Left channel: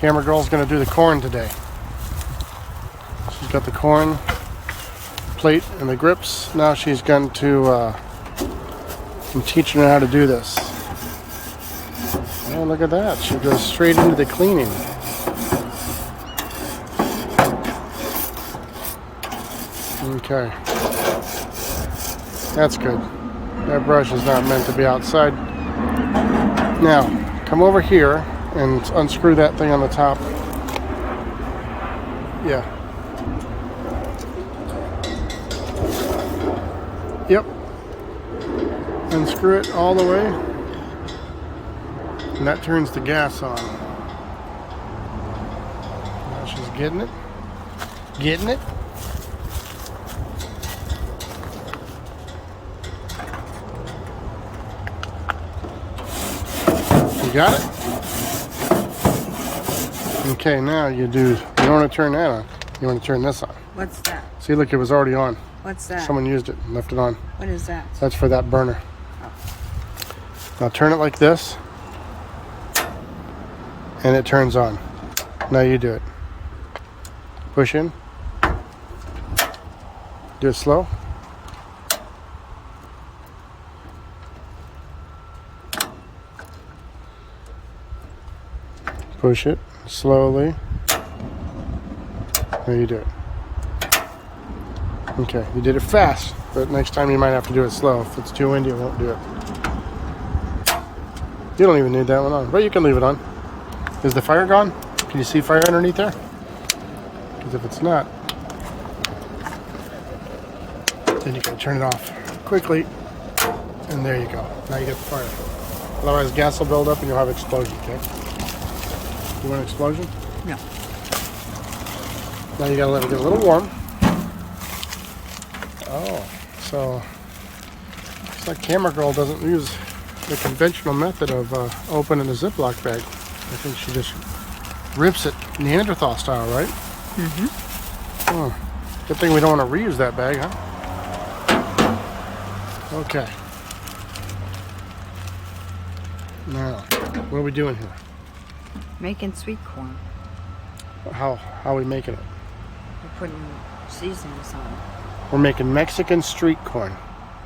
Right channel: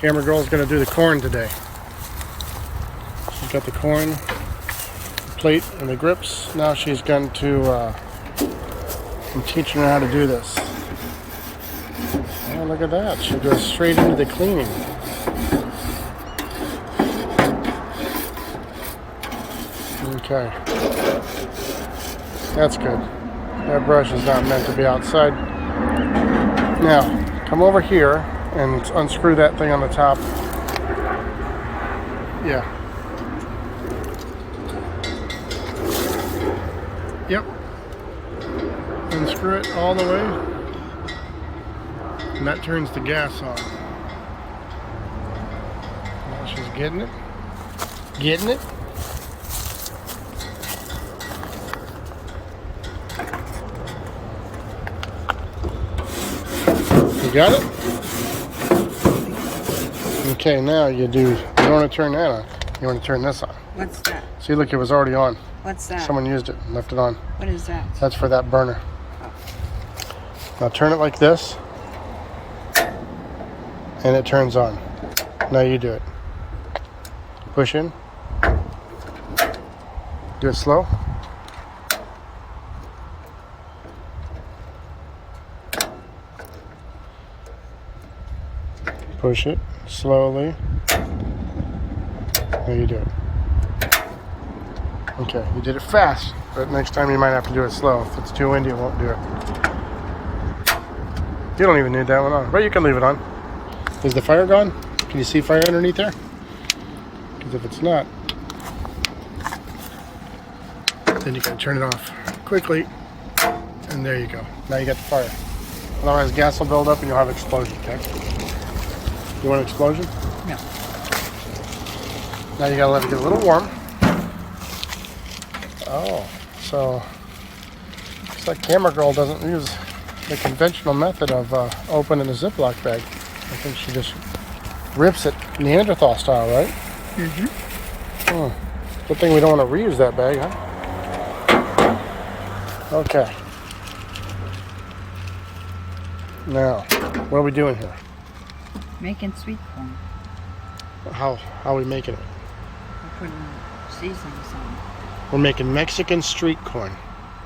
Camera girl's gonna do the corn today. She's got the corn plate and the grips. Now she's going to I'm teaching her how to do this. Oh, look at that. She goes straight into the cleaning. Okay. That's good. That brush is not meant to be outside. Now, come over here and unscrew that thing on the top. Yeah. Yep. Unscrew it all the way. And that turns the gas on. Now she's getting it. Getting it. You got it? Okay, now you don't want to turn that on. You want to turn this on. What's that? See, look, it was already on. What's that? Someone used it and left it on. What is that? That's for that burner. Now turn it like this. And it turns on. Now you do it. Push in. Do it slow. Push it slowly. Now you do it. Okay, you did it fast, but next time you might have to do it slow. If it's too windy, it won't do it. You don't even need that one on, but you can leave it on. Is the fire gone? Can you see fire underneath there? Because if it's not, then you gotta turn it off quickly. And there you go. Now you got the fire. Otherwise, gas will build up and you'll have explosion, okay? You want an explosion? No. Now you gotta let it get a little warm. Oh, so it's like Camera Girl doesn't use the conventional method of opening a Ziploc bag. I think she just rips it Neanderthal style, right? Mm-hmm. Good thing we don't want to reuse that bag, huh? Okay. Now, what are we doing here? Making sweet corn. How are we making it? We're putting seasonings on. We're making Mexican street corn.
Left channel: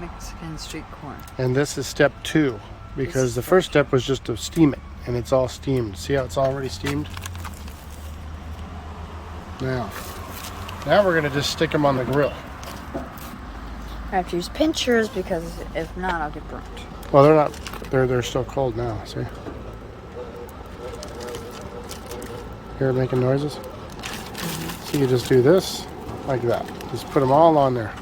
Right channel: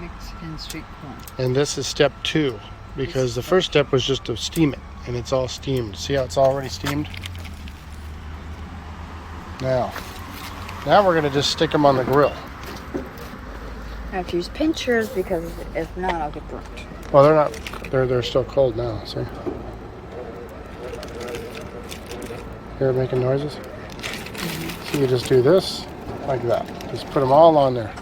Mexican street corn. And this is step 2, because the first step was just to steam it, and it's all steamed. See how it's already steamed? Now we're going to just stick them on the grill. I have to use pinchers because if not, I'll get burnt. Well, they're not. They're still cold now. See? They're making noises. Mm-hmm. So you just do this like that. Just put them all on there.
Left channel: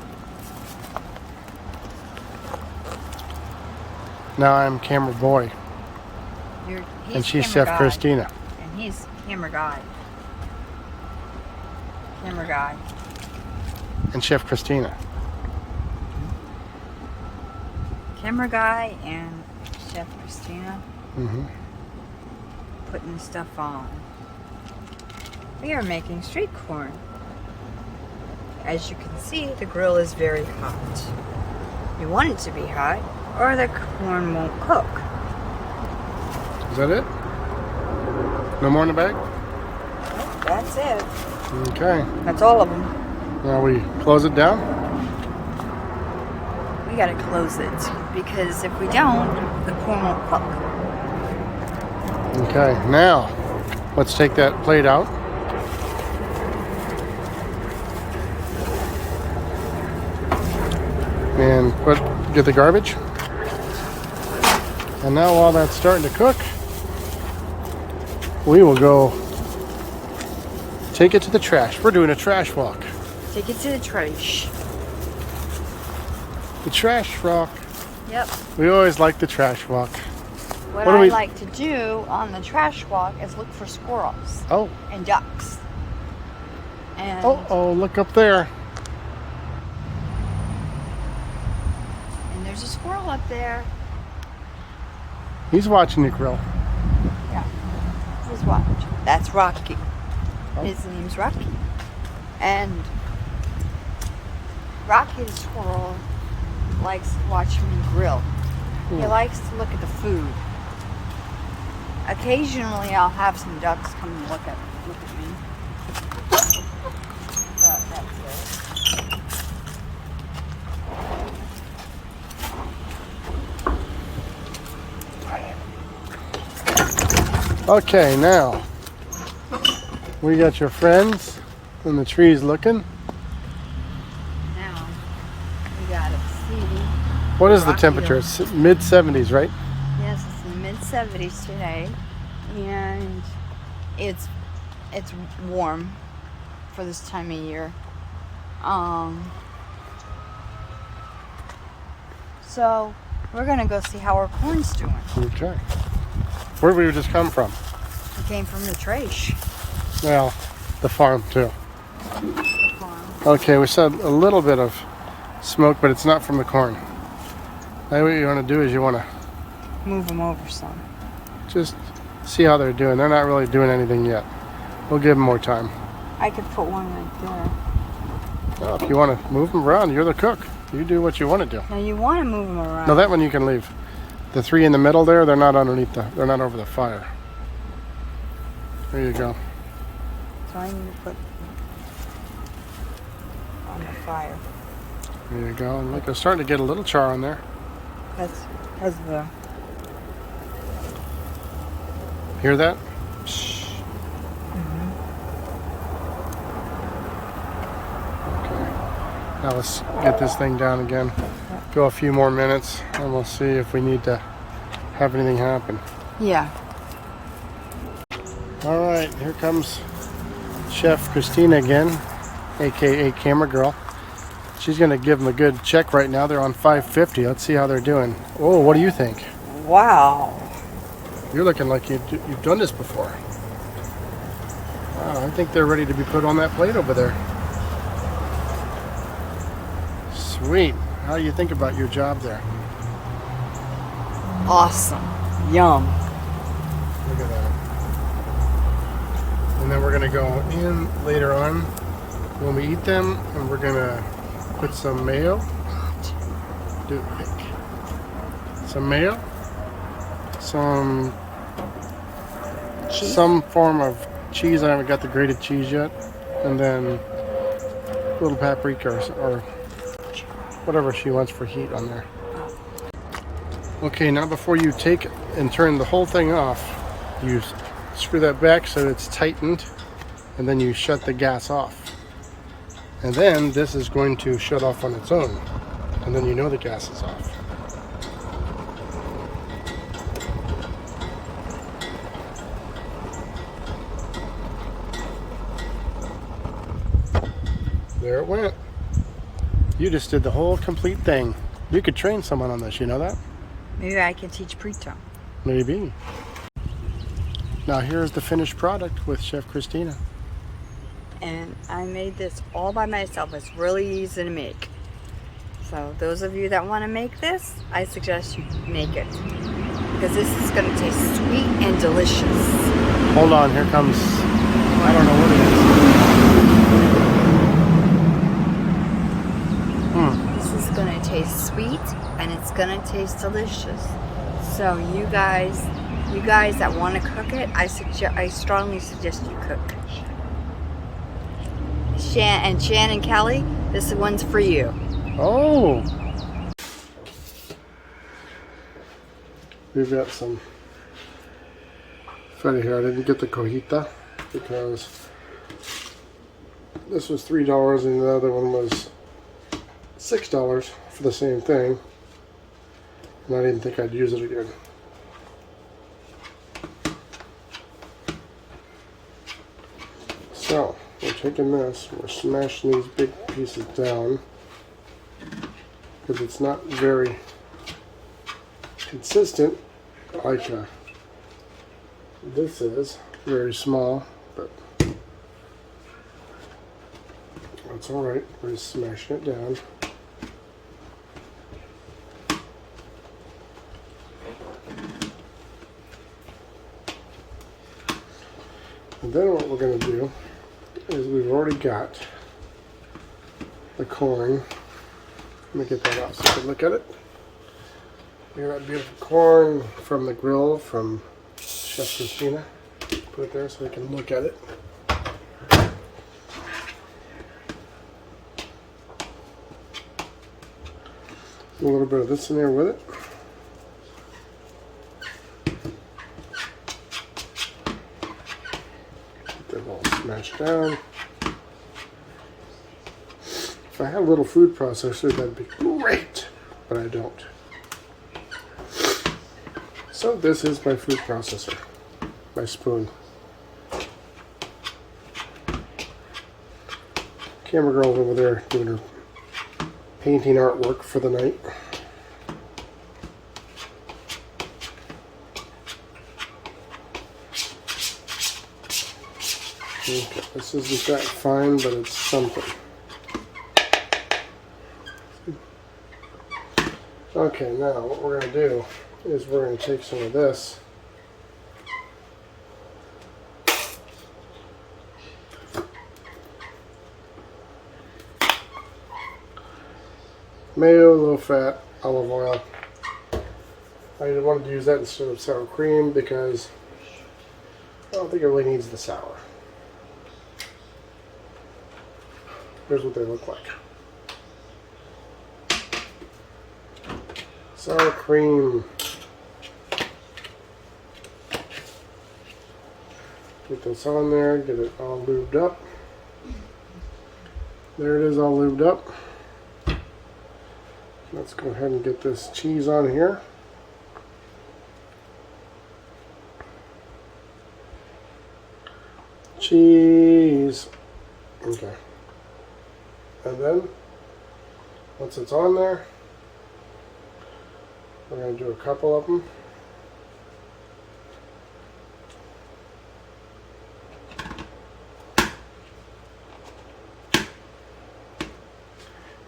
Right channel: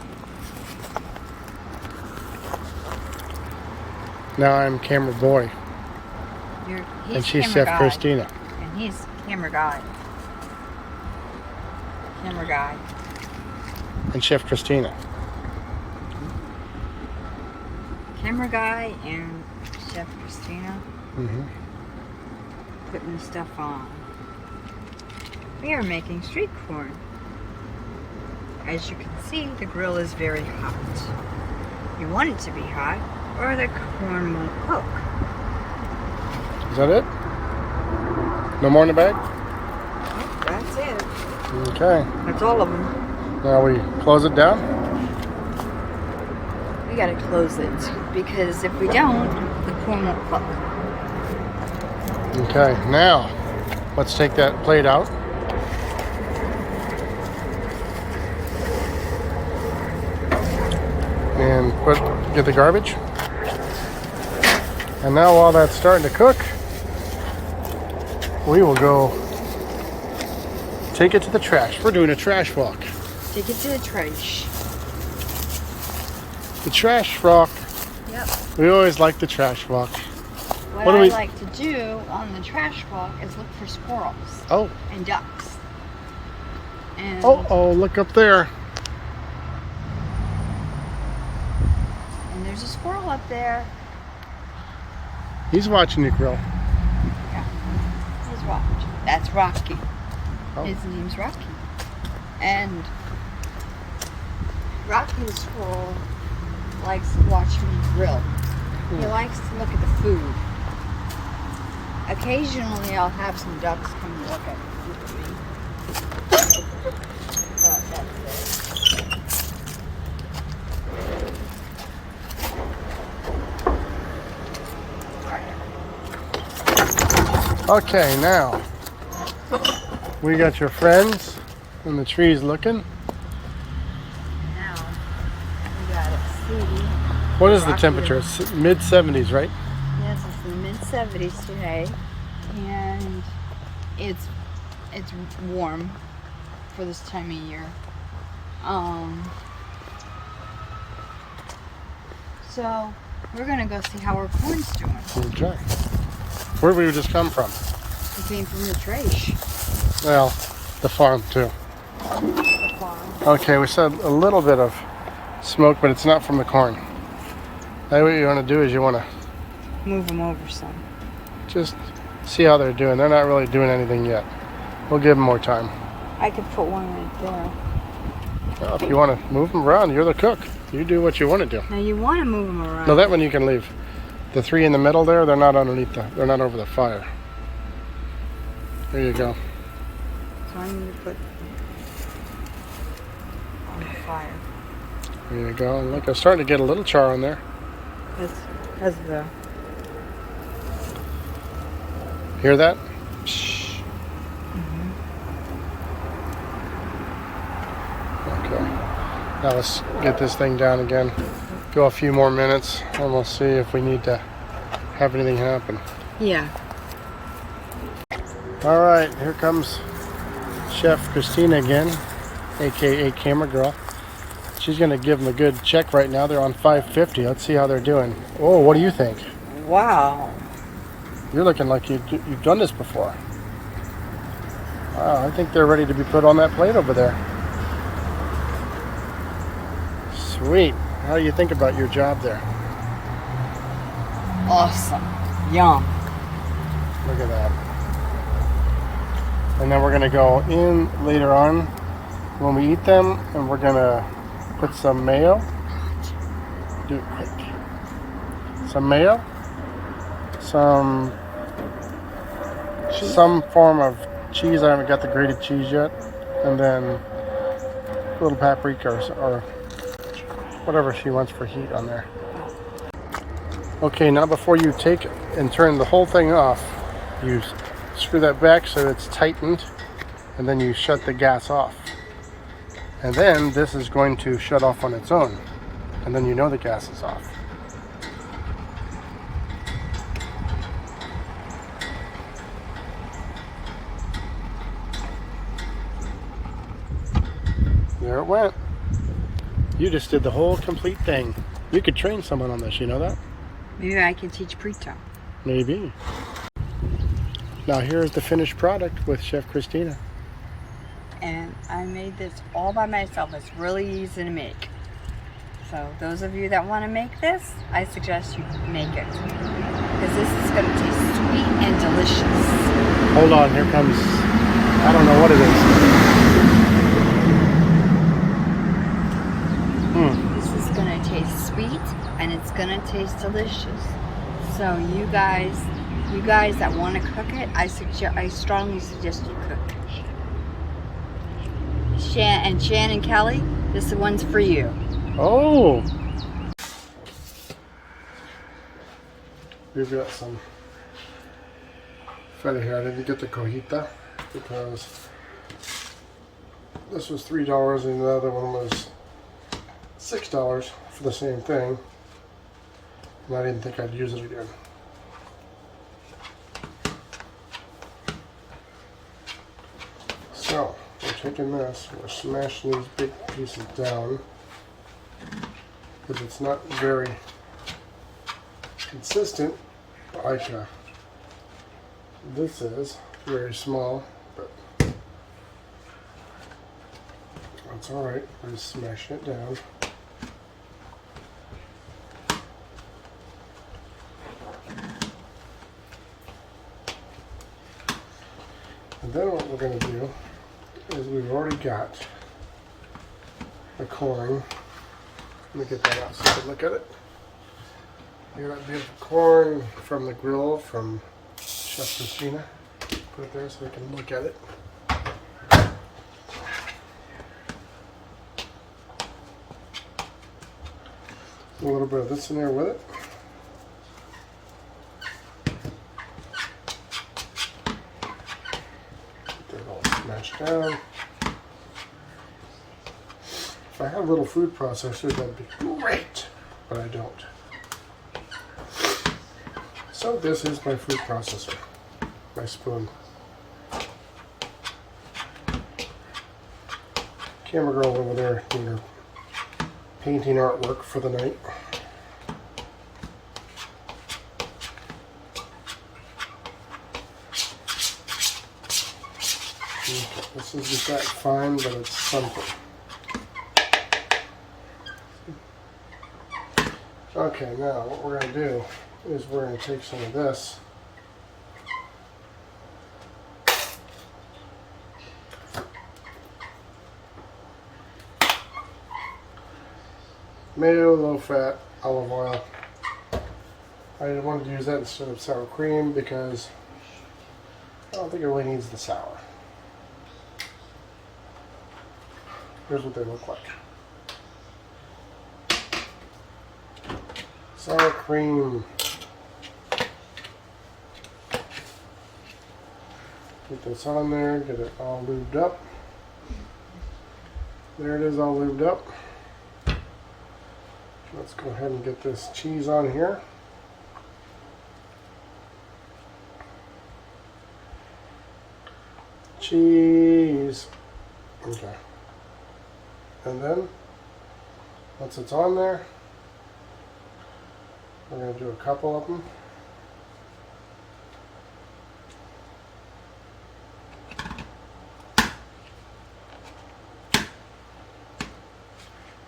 Now I'm camera boy, and she's Chef Christina. And he's camera guy. Camera guy. And Chef Christina. Camera guy and Chef Christina. Mm-hmm. Putting the stuff on. We are making street corn. As you can see, the grill is very hot. You want it to be hot, or the corn won't cook. Is that it? No more in the bag? That's it. Okay. That's all of them. Now we close it down. We gotta close it, because if we don't, the corn won't cook. Okay, now let's take that plate out. And get the garbage. And now while that's starting to cook, we will go take it to the trash. We're doing a trash walk. Take it to the trash. The trash walk. Yep. We always like the trash walk. What do I we like to do on the trash walk is look for squirrels. Oh. And ducks. And Oh, look up there. And there's a squirrel up there. He's watching you grill. Yeah. Who's watching? That's Rocky. Oh. His name's Rocky. And Rocky the squirrel likes watching me grill. He likes to look at the food. occasionally I'll have some ducks come and look at me. Okay, now we got your friends in the trees looking. Now we gotta see. What is the Rocky temperature? It's mid-70s, right? Yes, it's in the mid-70s today, and it's warm for this time of year. So we're gonna go see how our corn's doing. Okay. Where did we just come from? We came from the trash. Well, the farm too. Okay, we saw a little bit of smoke, but it's not from the corn. Now what you want to do is you want to Move them over some. just see how they're doing. They're not really doing anything yet. We'll give them more time. I could put one right there. Well, if you want to move them around, you're the cook. You do what you want to do. Now you want to move them around. No, that one you can leave. The three in the middle there, they're not underneath they're not over the fire. There you go. So I need to put on the fire. There you go. And look, I'm starting to get a little char on there. That's because of the. Hear that? Okay. Now let's get this thing down again. Go a few more minutes and we'll see if we need to have anything happen. Yeah. All right, here comes Chef Christina again, aka Camera Girl. She's gonna give them a good check right now. They're on 550. Let's see how they're doing. Oh, what do you think? Wow. You're looking like you've done this before. Wow, I think they're ready to be put on that plate over there. Sweet. How do you think about your job there? Awesome. Yum. Look at that. And then we're gonna go in later on when we eat them, and we're gonna put some mayo. Do it quick. Some mayo. Some form of cheese. I haven't got the grated cheese yet. And then a little paprika or whatever she wants for heat on there. Okay, now before you take and turn the whole thing off, you screw that back so it's tightened, and then you shut the gas off. And then this is going to shut off on its own, and then you know the gas is off. There it went. You just did the whole complete thing. You could train someone on this, you know that? Maybe I can teach Prito. Maybe. Now here's the finished product with Chef Christina. And I made this all by myself. It's really easy to make. So those of you that want to make this, I suggest you make it. Because this is going to taste sweet and delicious. Hold on, here comes, I don't know what it is. This is going to taste sweet and it's going to taste delicious. So you guys that want to cook it, I strongly suggest you cook. Shan and Kelly, this one's for you. Oh! We've got some funny here. I didn't get the cojita because this was $3 and the other one was $6 for the same thing. And I didn't think I'd use it again. So, we're taking this, we're smashing these big pieces down because it's not very consistent like this is. Very small, but that's alright. We're just smashing it down. And then what we're going to do is we've already got the corn. Let me get that out so you can look at it. Here's that beautiful corn from the grill from Chef Christina. Put it there so we can look at it. A little bit of this in there with it. Get that all smashed down. If I had a little food processor, that'd be great, but I don't. So this is my food processor, my spoon. Camera girl over there doing her painting artwork for the night. Okay, this isn't that fine, but it's something. Okay, now what we're going to do is we're going to take some of this. Mayo, low fat, olive oil. I wanted to use that instead of sour cream because I don't think it really needs the sour. Here's what they look like. Sour cream. Put this on there, get it all lubed up. There it is, all lubed up. Let's go ahead and get this cheese on here. Cheese. Okay. And then, once it's on there, we're going to do a couple of them.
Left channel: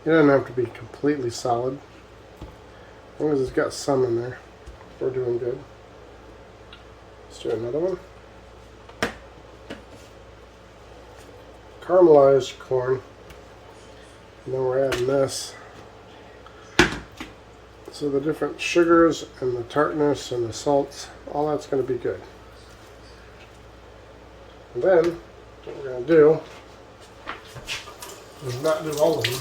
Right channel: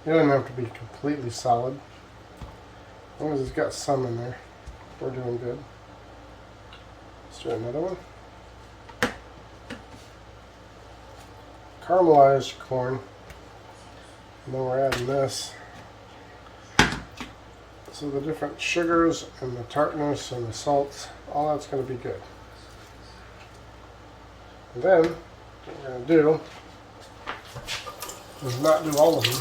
It doesn't have to be completely solid. As long as it's got some in there, we're doing good. Let's do another one. Caramelized corn. And then we're adding this. So the different sugars and the tartness and the salts, all that's going to be good. And then what we're going to do is not do all of them,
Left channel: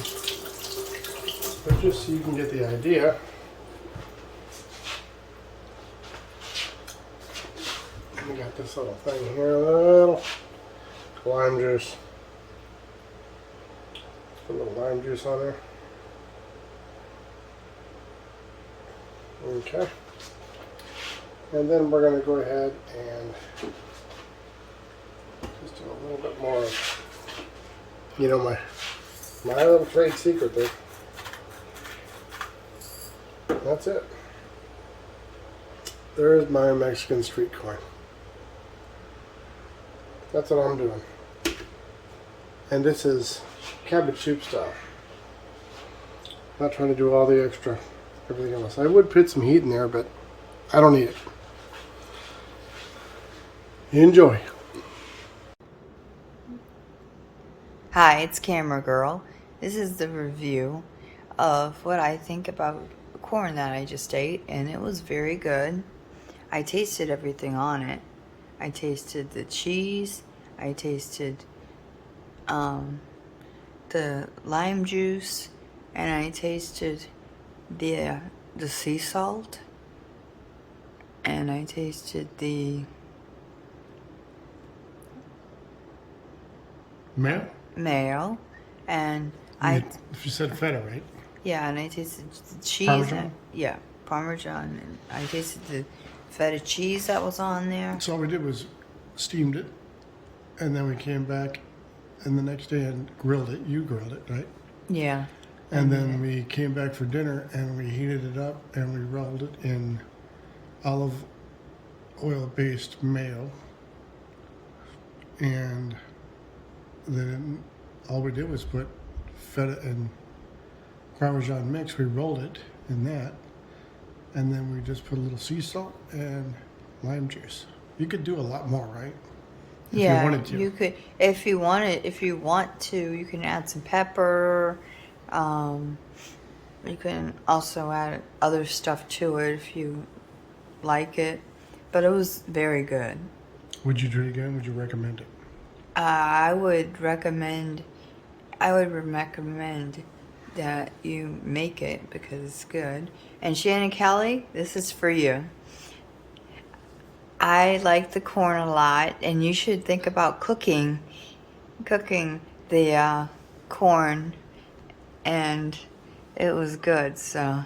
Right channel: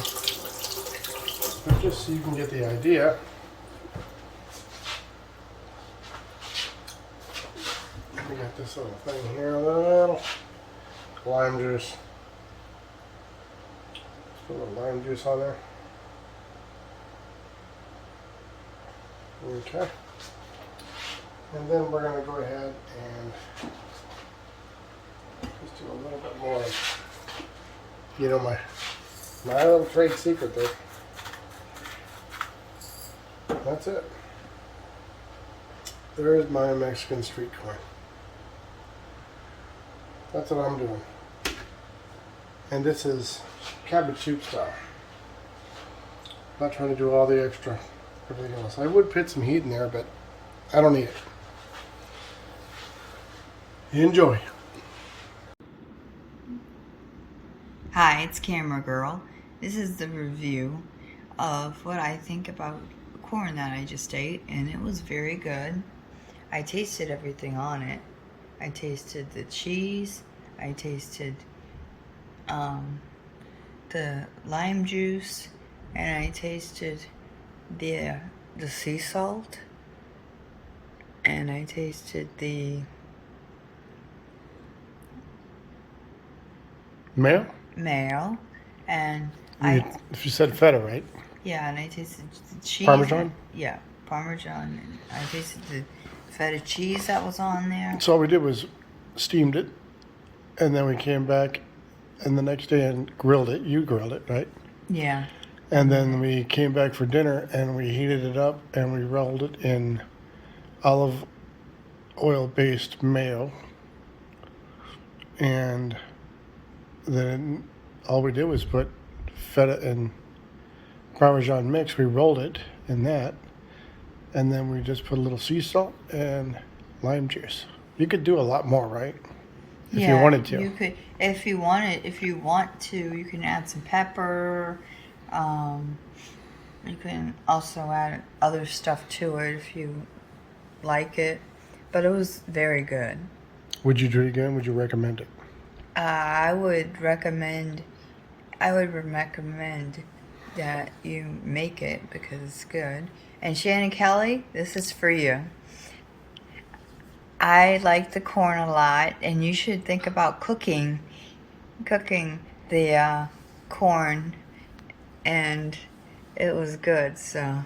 but just so you can get the idea. We got this little thing here, little lime juice. Put a little lime juice on there. Okay. And then we're going to go ahead and just do a little bit more of, you know, my little trade secret there. That's it. There's my Mexican street corn. That's what I'm doing. And this is cabbage soup style. Not trying to do all the extra everything else. I would put some heat in there, but I don't need it. Enjoy. Hi, it's Camera Girl. This is the review of what I think about corn that I just ate, and it was very good. I tasted everything on it. I tasted the cheese. I tasted the lime juice, and I tasted the sea salt, and I tasted the mayo, and if you said feta, right? Yeah, and I tasted the cheese. Parmesan? Yeah, Parmesan. And I tasted the feta cheese that was on there. So all we did was steamed it, and then we came back, and the next day and grilled it. You grilled it, right? Yeah. And then we came back for dinner, and we heated it up, and we rolled it in olive oil-based mayo. And then all we did was put feta and Parmesan mix. We rolled it in that, and then we just put a little sea salt and lime juice. You could do a lot more, right? If you wanted to. You could, if you want to, you can add some pepper. You can also add other stuff to it if you like it. but it was very good. Would you do it again? Would you recommend it? I would recommend that you make it because it's good. And Shannon Kelly, this is for you. I like the corn a lot, and you should think about cooking the corn, and it was good. So